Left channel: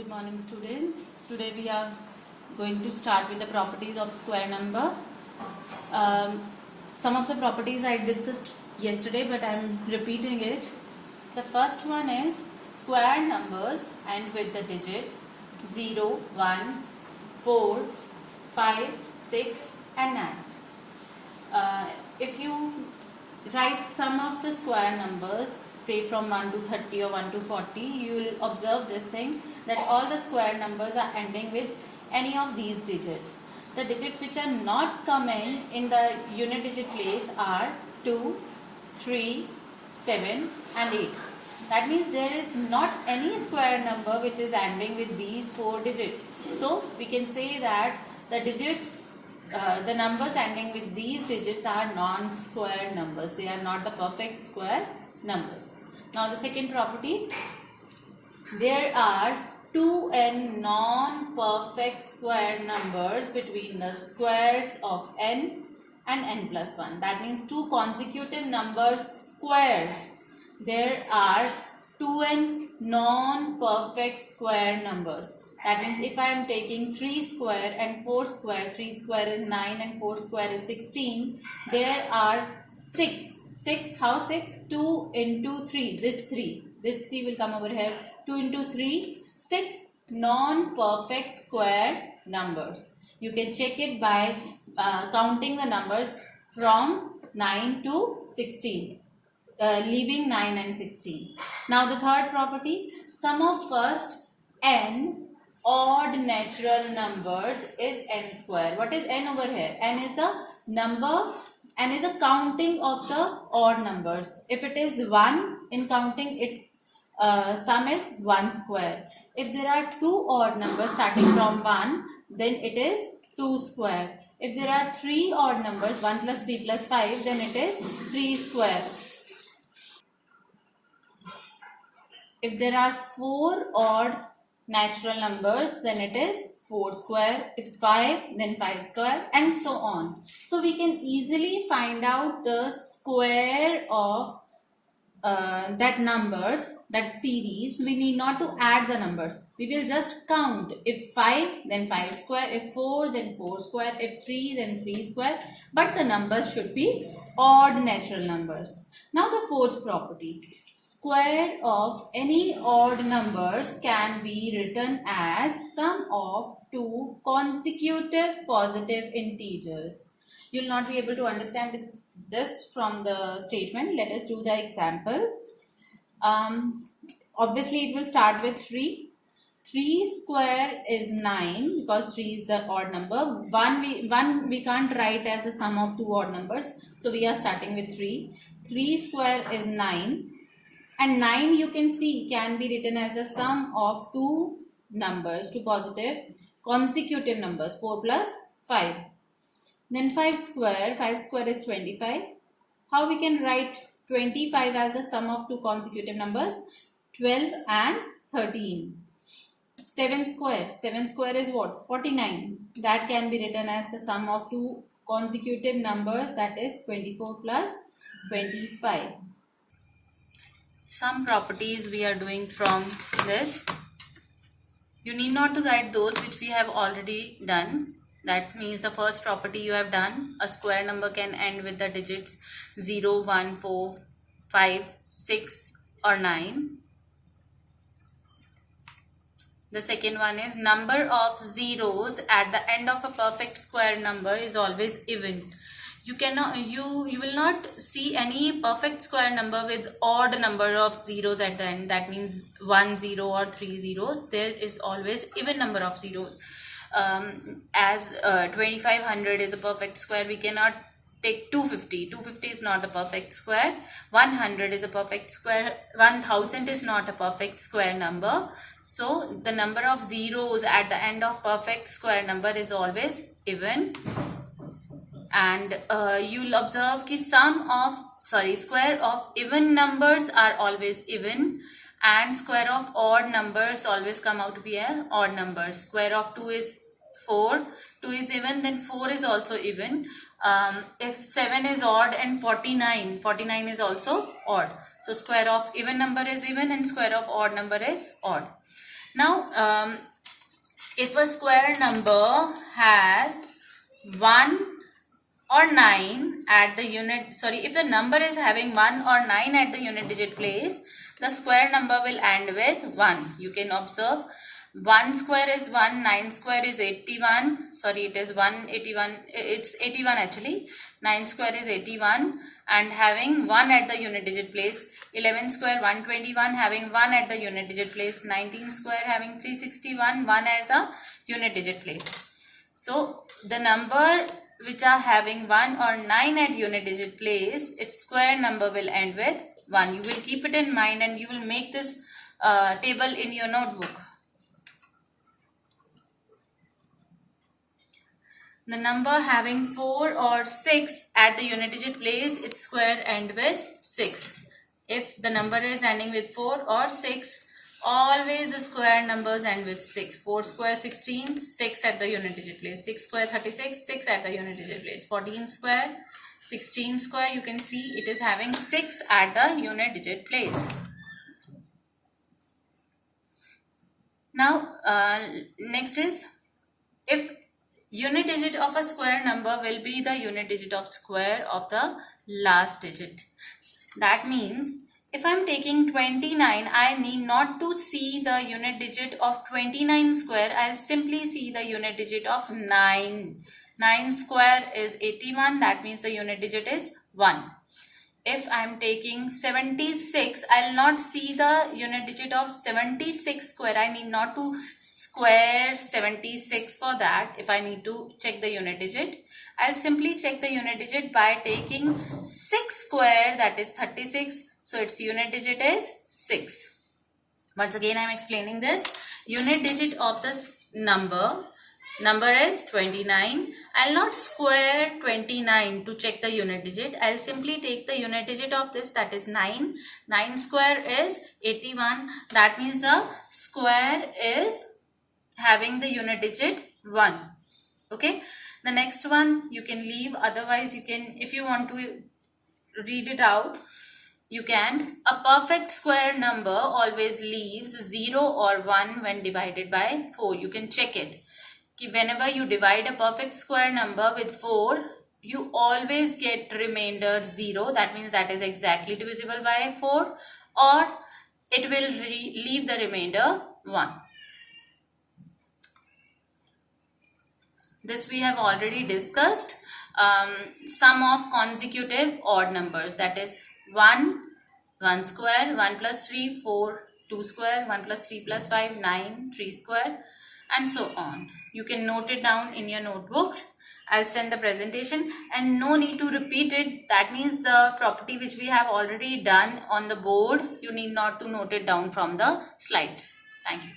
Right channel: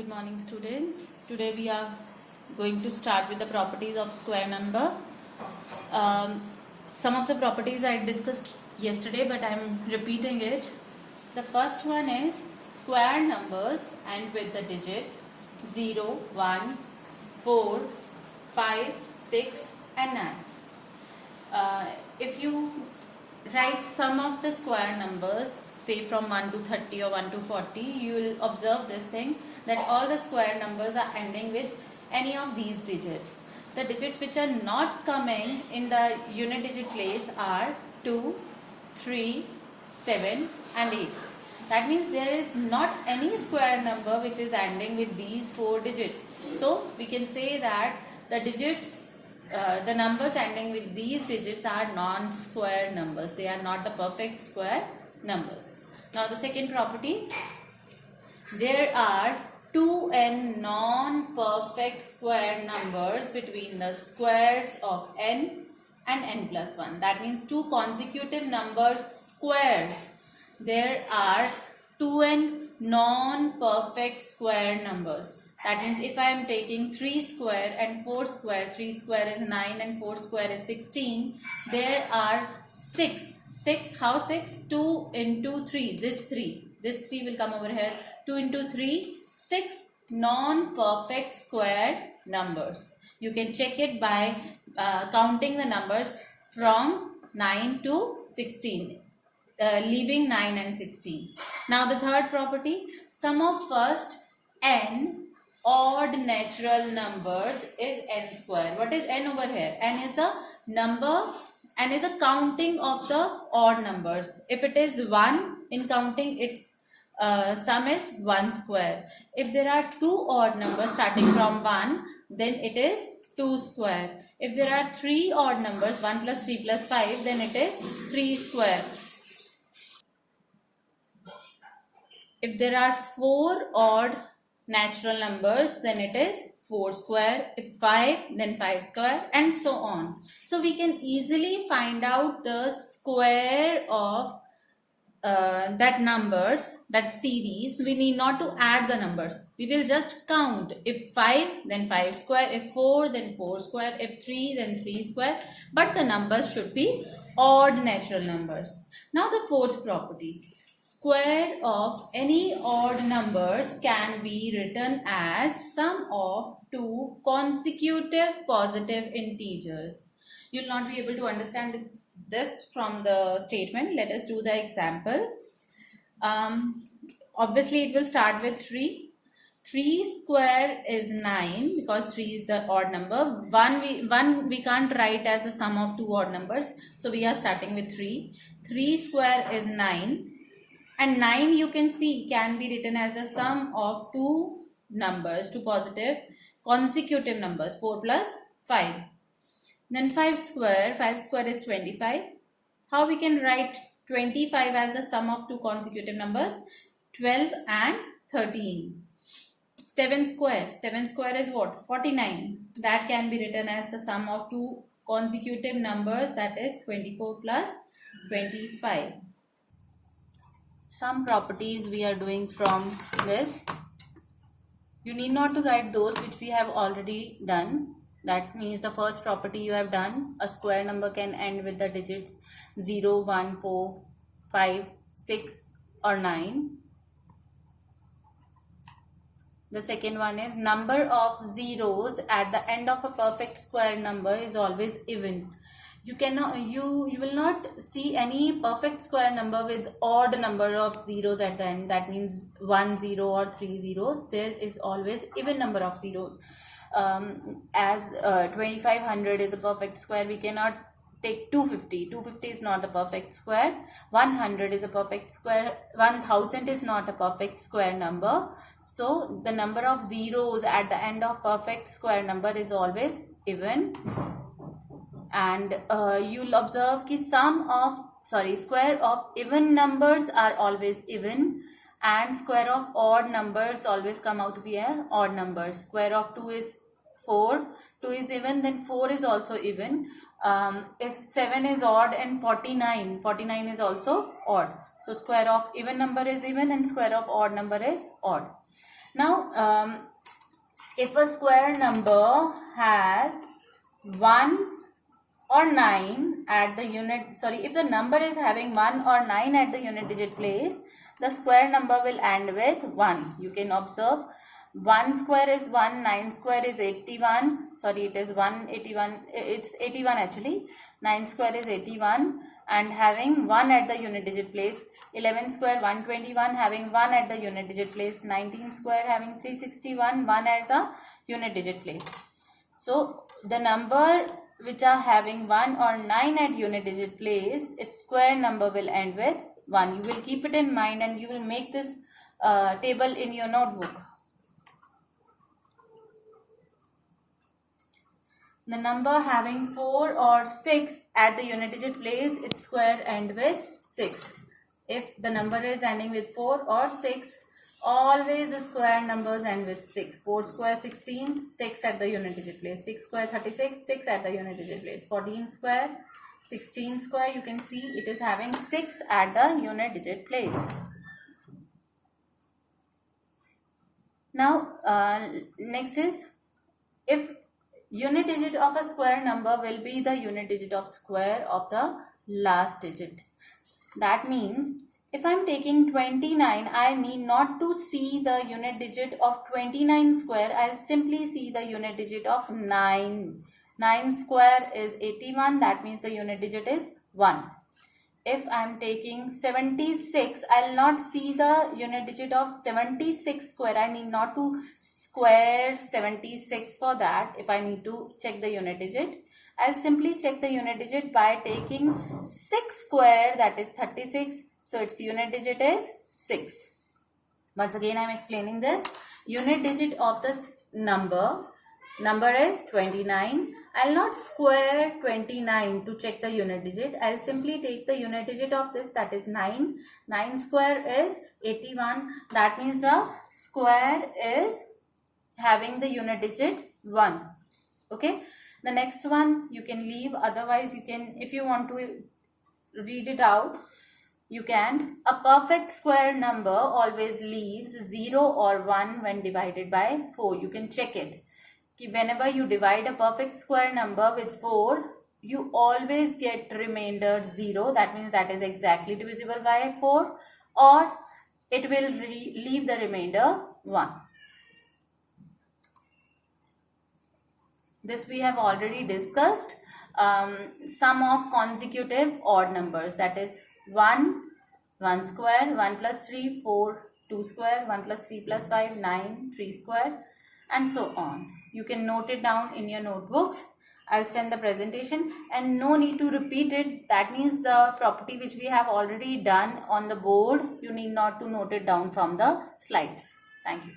Good morning, students. Today we are going to start with the properties of square number. Some of the properties I discussed yesterday, but I am repeating it. The first one is square numbers and with the digits 0, 1, 4, 5, 6 and 9. If you write sum of the square numbers, say from 1 to 30 or 1 to 40, you will observe this thing that all the square numbers are ending with any of these digits. The digits which are not coming in the unit digit place are 2, 3, 7 and 8. That means there is not any square number which is ending with these 4 digits. So we can say that the digits the numbers ending with these digits are non-square numbers. They are not the perfect square numbers. Now the second property, there are 2n non-perfect square numbers between the squares of n and n plus 1. That means two consecutive numbers squares. There are 2n non-perfect square numbers. That means if I am taking 3 square and 4 square, 3 square is 9 and 4 square is 16, there are 6, how 6? 2 into 3, this 3 will come over here, 2 into 3, 6 non-perfect square numbers. You can check it by counting the numbers from 9 to 16. Leaving 9 and 16. Now the third property, sum of first n odd natural numbers is n square. What is n over here? N is the number, n is a counting of the odd numbers. If it is 1 in counting, its sum is 1 square. If there are two odd numbers starting from 1, then it is 2 square. If there are 3 odd numbers, 1 plus 3 plus 5, then it is 3 square. If there are 4 odd natural numbers, then it is 4 square. If 5, then 5 square and so on. So we can easily find out the square of that numbers, that series. We need not to add the numbers. We will just count. If 5, then 5 square. If 4, then 4 square. If 3, then 3 square. But the numbers should be odd natural numbers. Now the fourth property. Square of any odd numbers can be written as sum of two consecutive positive integers. You will not be able to understand this from the statement. Let us do the example. Obviously, it will start with 3. 3 square is 9 because 3 is the odd number. 1 we can't write as the sum of two odd numbers. So we are starting with 3. 3 square is 9. And 9 you can see can be written as a sum of two numbers, two positive consecutive numbers, 4 plus 5. Then 5 square is 25. How we can write 25 as the sum of two consecutive numbers? 12 and 13. 7 square is what? 49. That can be written as the sum of two consecutive numbers, that is 24 plus 25. Some properties we are doing from this. You need not to write those which we have already done. That means the first property you have done. A square number can end with the digits 0, 1, 4, 5, 6 or 9. The second one is number of zeros at the end of a perfect square number is always even. You will not see any perfect square number with odd number of zeros at the end. That means 1 0 or 3 zeros. There is always even number of zeros. As 2500 is a perfect square, we cannot take 250. 250 is not a perfect square. 100 is a perfect square. 1000 is not a perfect square number. So the number of zeros at the end of perfect square number is always even. And you will observe that square of even numbers are always even, and square of odd numbers always come out to be an odd number. Square of 2 is 4, 2 is even, then 4 is also even. If 7 is odd and 49 is also odd. So square of even number is even and square of odd number is odd. Now, if a square number has 1 or 9 at the unit, if the number is having 1 or 9 at the unit digit place, the square number will end with 1. You can observe 1 square is 1, 9 square is 81, it is 181, it's 81 actually, 9 square is 81 and having 1 at the unit digit place, 11 square 121 having 1 at the unit digit place, 19 square having 361, 1 as a unit digit place. So the number which are having 1 or 9 at unit digit place, its square number will end with 1. You will keep it in mind and you will make this table in your notebook. The number having 4 or 6 at the unit digit place, its square end with 6. If the number is ending with 4 or 6, always the square numbers end with 6. 4 square 16, 6 at the unit digit place. 6 square 36, 6 at the unit digit place. 14 square, 16 square, you can see it is having 6 at the unit digit place. Now, next is, if unit digit of a square number will be the unit digit of square of the last digit. That means if I am taking 29, I need not to see the unit digit of 29 square. I will simply see the unit digit of 9. 9 square is 81. That means the unit digit is 1. If I am taking 76, I will not see the unit digit of 76 square. I need not to square 76 for that. If I need to check the unit digit, I'll simply check the unit digit by taking 6 square, that is 36. So its unit digit is 6. Once again I am explaining this. Unit digit of this number is 29. I'll not square 29 to check the unit digit. I'll simply take the unit digit of this, that is 9. 9 square is 81. That means the square is having the unit digit 1. Okay. The next one you can leave. Otherwise you can, if you want to read it out, you can. A perfect square number always leaves 0 or 1 when divided by 4. You can check it. Whenever you divide a perfect square number with 4, you always get remainder 0. That means that is exactly divisible by 4, or it will leave the remainder 1. This we have already discussed. Sum of consecutive odd numbers, that is 1, 1 square, 1 plus 3, 4, 2 square, 1 plus 3 plus 5, 9, 3 square, and so on. You can note it down in your notebooks. I'll send the presentation and no need to repeat it. That means the property which we have already done on the board, you need not to note it down from the slides. Thank you.